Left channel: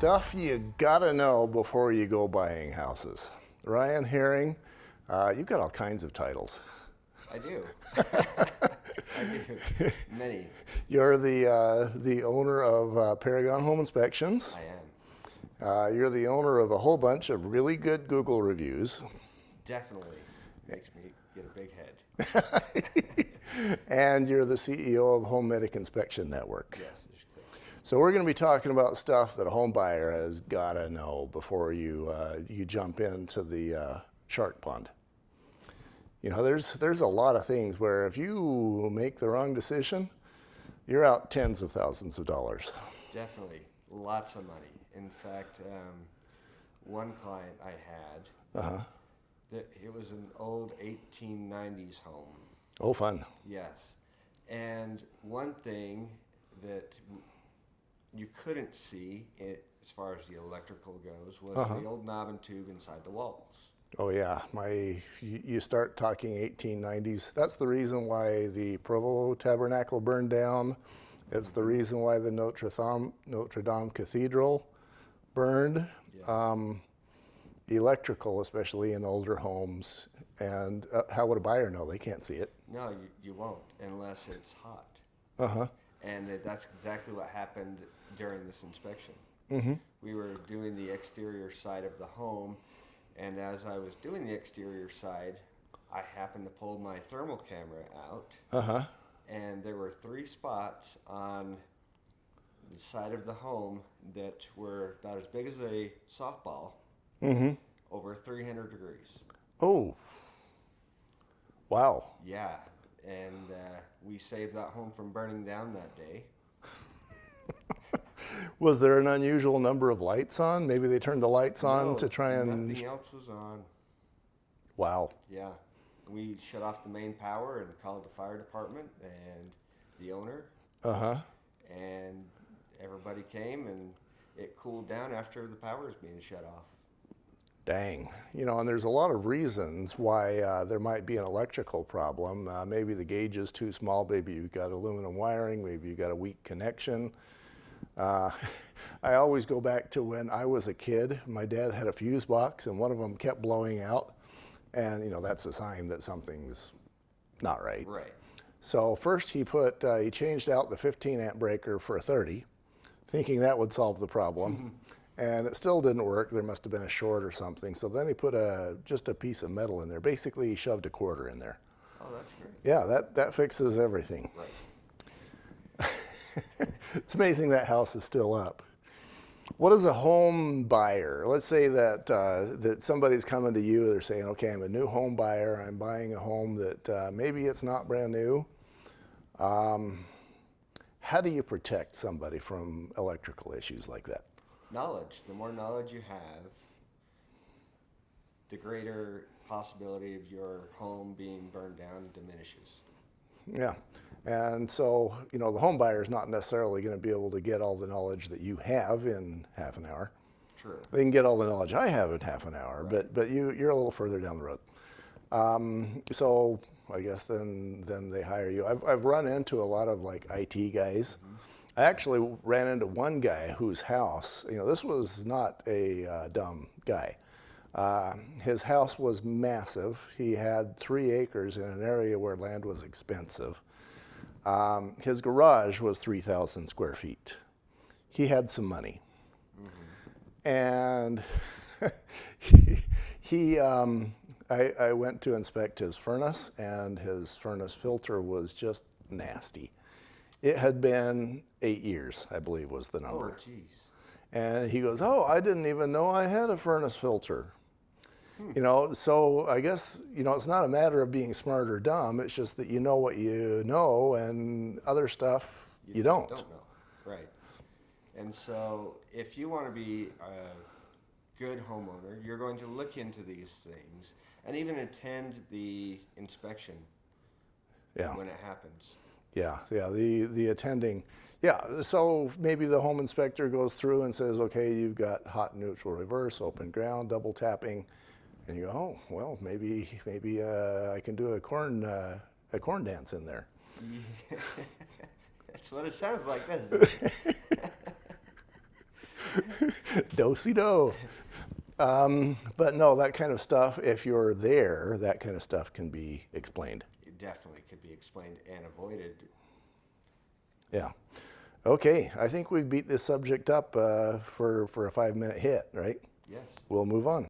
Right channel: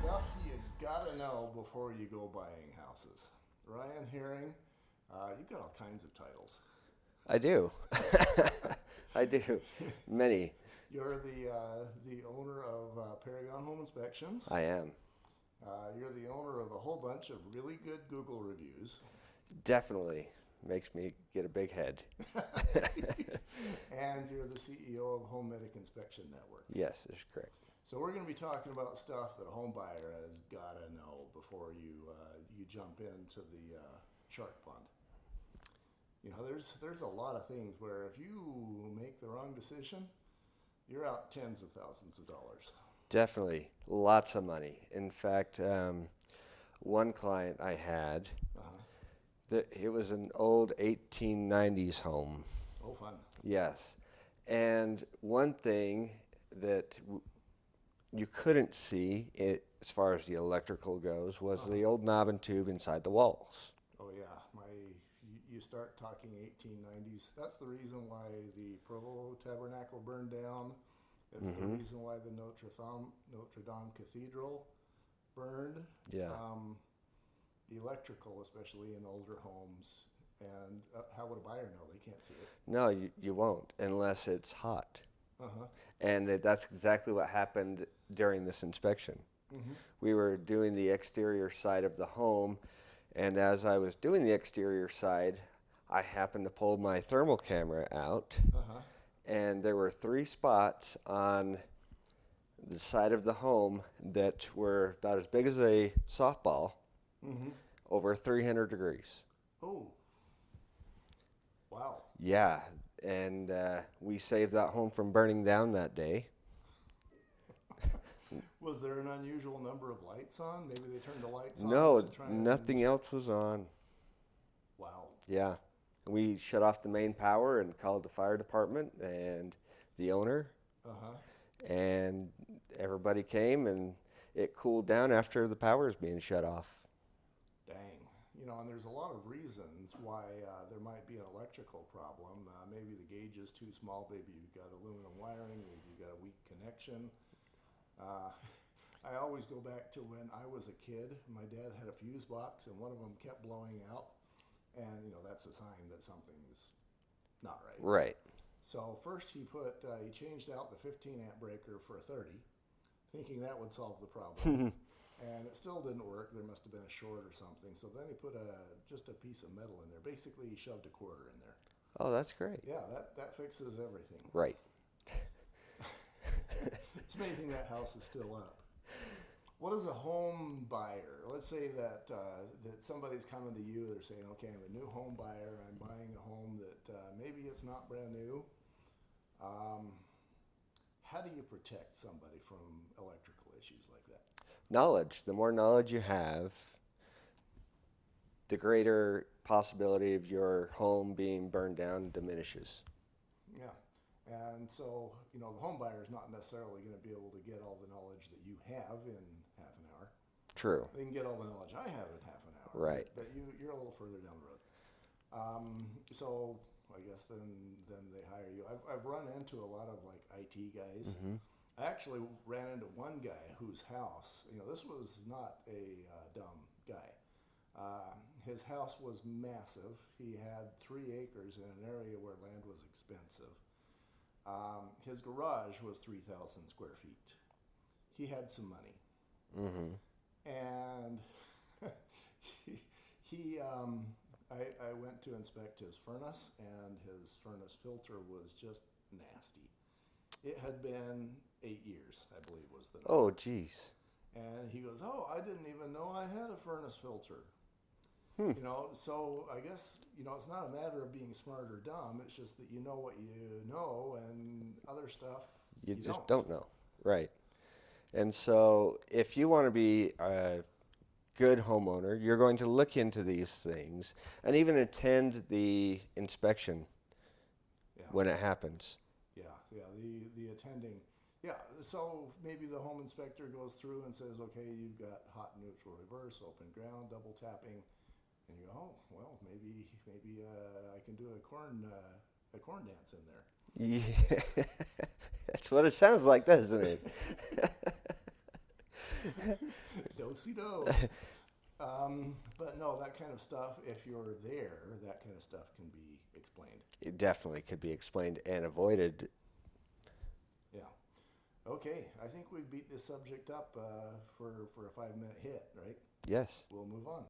Stuff you gotta know before you go buying houses. Ryan Herring, you've got all kinds of titles. I do. I do. Many. You're the owner of Paragon Home Inspections. I am. You're the owner of a whole bunch of really good Google reviews. Definitely makes me get a big head. And you're the CEO of Home Medic Inspection Network. Yes, that's correct. So we're going to be talking about stuff that a home buyer has got to know before you jump into the shark pond. You know, there's a lot of things where if you make the wrong decision, you're out tens of thousands of dollars. Definitely. Lots of money. In fact, one client I had, it was an old 1890s home. Oh, fun. Yes. And one thing that you couldn't see as far as the electrical goes was the old knob and tube inside the walls. Oh yeah, you start talking 1890s. That's the reason why the Provo Tabernacle burned down. It's the reason why the Notre Dame Cathedral burned. Yeah. Electrical, especially in older homes. And how would a buyer know? They can't see it. No, you won't unless it's hot. Uh-huh. And that's exactly what happened during this inspection. We were doing the exterior side of the home, and as I was doing the exterior side, I happened to pull my thermal camera out, and there were 3 spots on the side of the home that were about as big as a softball, over 300 degrees. Oh, wow. Yeah, and we saved that home from burning down that day. Was there an unusual number of lights on? Maybe they turned the lights on to try and... nothing else was on. Wow. Yeah. We shut off the main power and called the fire department and the owner. And everybody came, and it cooled down after the power was being shut off. Dang. You know, and there's a lot of reasons why there might be an electrical problem. Maybe the gauge is too small. Maybe you've got aluminum wiring. Maybe you've got a weak connection. I always go back to when I was a kid. My dad had a fuse box, and one of them kept blowing out. And, you know, that's a sign that something's not right. Right. So first he changed out the 15 amp breaker for a 30, thinking that would solve the problem. And it still didn't work. There must have been a short or something. So then he put just a piece of metal in there. Basically, he shoved a quarter in there. Oh, that's great. Yeah, that fixes everything. Right. It's amazing that house is still up. What is a home buyer? Let's say that somebody's coming to you. They're saying, okay, I'm a new home buyer. I'm buying a home that maybe it's not brand new. How do you protect somebody from electrical issues like that? Knowledge. The more knowledge you have, the greater possibility of your home being burned down diminishes. Yeah. And so, you know, the home buyer is not necessarily going to be able to get all the knowledge that you have in half an hour. True. They can get all the knowledge I have in half an hour, Right. but you're a little further down the road. So I guess then they hire you. I've run into a lot of like IT guys. I actually ran into one guy whose house, you know, this was not a dumb guy. His house was massive. He had 3 acres in an area where land was expensive. His garage was 3,000 square feet. He had some money. And I went to inspect his furnace, and his furnace filter was just nasty. It had been 8 years, I believe was the number. Oh, geez. And he goes, oh, I didn't even know I had a furnace filter. You know, so I guess, you know, it's not a matter of being smart or dumb. It's just that you know what you know, and other stuff you don't. Don't know. Right. And so if you want to be a good homeowner, you're going to look into these things and even attend the inspection when it happens. Yeah, the attending. Yeah, so maybe the home inspector goes through and says, okay, you've got hot, neutral, reverse, open ground, double tapping. And you go, oh, well, maybe I can do a corn dance in there. Yeah. That's what it sounds like, doesn't it? Do-si-do. But no, that kind of stuff, if you're there, that kind of stuff can be explained. It definitely could be explained and avoided. Yeah. Okay, I think we beat this subject up for a 5-minute hit, right? Yes. We'll move on.